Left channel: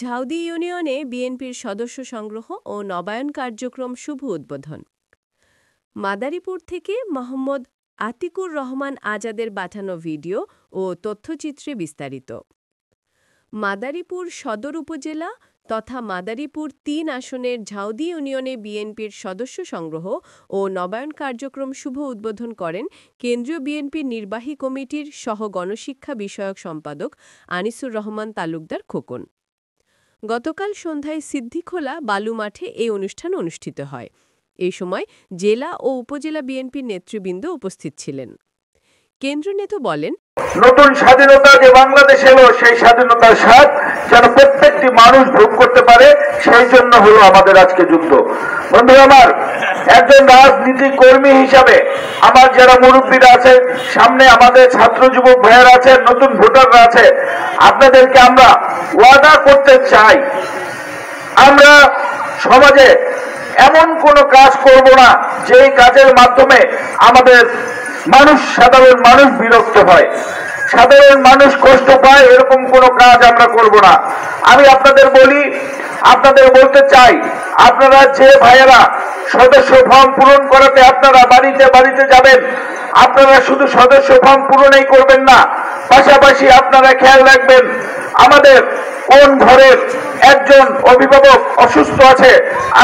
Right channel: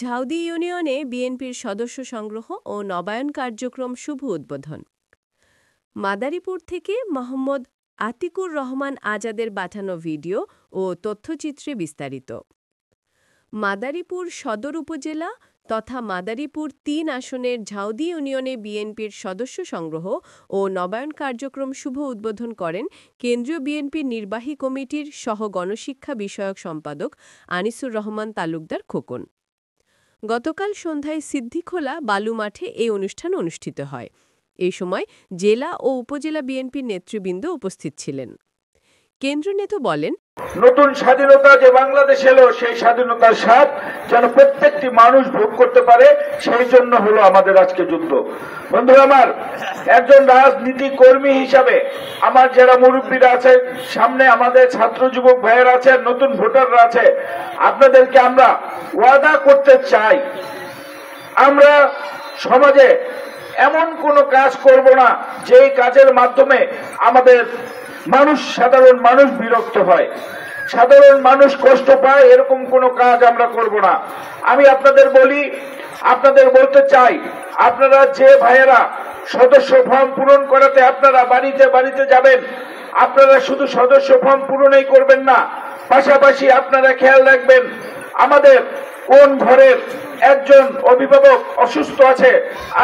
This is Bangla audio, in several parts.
ঝাউদি ইউনিয়নে বিএনপির সদস্য সংগ্রহ ও নবায়ন কার্যক্রম শুভ উদ্বোধন। মাদারীপুর থেকে মোহাম্মদ আতিকুর রহমান আজাদের পাঠানো ভিডিও ও তথ্যচিত্রে বিস্তারিত। মাদারীপুর সদর উপজেলা তথা মাদারীপুর ৩ আসনের ঝাউদি ইউনিয়নে বিএনপির সদস্য সংগ্রহ ও নবায়ন কার্যক্রম শুভ উদ্বোধন করেন কেন্দ্রীয় বিএনপির নির্বাহী কমিটির সহ গণশিক্ষা বিষয়ক সম্পাদক আনিসুর রহমান তালুকদার খোকন। গতকাল সন্ধ্যায় সিদ্দিখোলা বালু মাঠে এই অনুষ্ঠান অনুষ্ঠিত হয়। এই সময় জেলা ও উপজেলা বিএনপির নেতৃবৃন্দ উপস্থিত ছিলেন। কেন্দ্রীয় নেতা বলেন, নতুন স্বাধীনতা যে বাংলাদেশ এলো, সেই স্বাধীনতার স্বাদ যেন প্রত্যেকটি মানুষ ভোগ করতে পারে, সেই জন্য হলো আমাদের আজকে যুদ্ধ। বন্ধুরা আমার, একজন রাজনীতি কর্মী হিসাবে আমার যারা মুরব্বীরা আছেন, সামনে আমাদের ছাত্র যুবক ভাইয়েরা আছেন, নতুন ভোটাররা আছে, আপনাদেরকে আমরা ওয়াদা করতে চাই, আমরা সমাজে এমন কোনো কাজ করব না যেই কাজের মাধ্যমে আমাদের সাধারণ মানুষ বিরক্ত হয়, সাধারণ মানুষ কষ্ট পায়, এরকম কোনো কাজ আমরা করব না। আমি আপনাদের বলতে চাই, আপনারা যে ভাইয়েরা সদস্য ফর্ম পূরণ করাতে আপনারা বাড়িতে বাড়িতে যাবেন, আপনারা শুধু সদস্য ফর্ম পূরণই করবেন না, পাশাপাশি আপনারা খেয়াল রাখবেন আমাদের কোন ঘরের একজন অভিভাবক অসুস্থ আছে,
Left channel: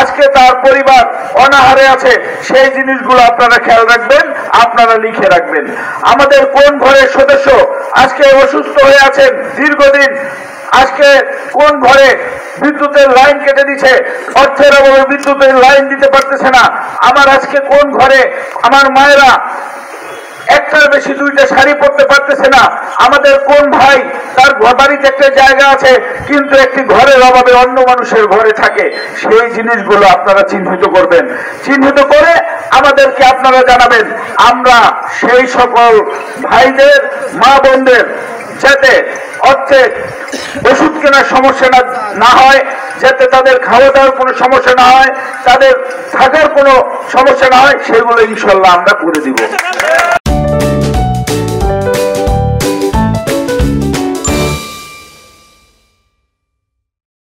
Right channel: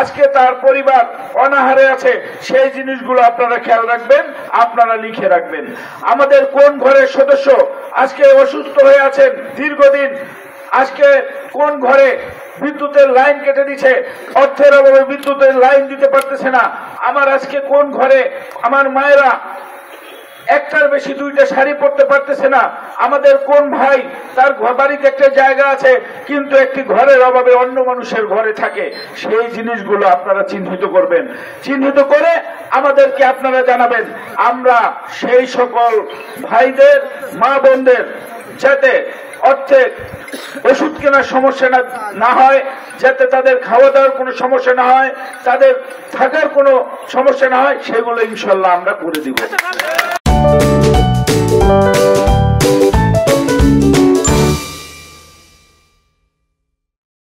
আজকে তার পরিবার অনাহারে আছে, সেই জিনিসগুলো আপনারা খেয়াল রাখবেন, আপনারা লিখে রাখবেন। আমাদের কোন ঘরের সদস্য আজকে অসুস্থ হয়ে আছেন দীর্ঘদিন, আজকে কোন ঘরে বিদ্যুতের লাইন কেটে দিচ্ছে, অর্থের অভাবে বিদ্যুতের লাইন দিতে পারতেছে না, আমার আজকে কোন ঘরে আমার মায়েরা একটার বেশি 2টা শাড়ি পরতে পারতেছে না, আমাদের কোন ভাই তার বাড়িতে একটা জায়গা আছে কিন্তু একটি ঘরের অভাবে অন্য মানুষের ঘরে থাকে, সেই জিনিসগুলো আপনারা চিহ্নিত করবেন। চিহ্নিত করে আমাদেরকে আপনারা জানাবেন, আমরা সেই সকল ভাইদের মা বোনদের যাতে অর্থে ওষুধ কেনার সমস্যা না হয়, যাতে তাদের খাওয়া দাওয়ার কোনো সমস্যা না হয়, তাদের থাকার কোনো সমস্যা না হয়, সেগুলো ইনশাল্লাহ আমরা করে দিব।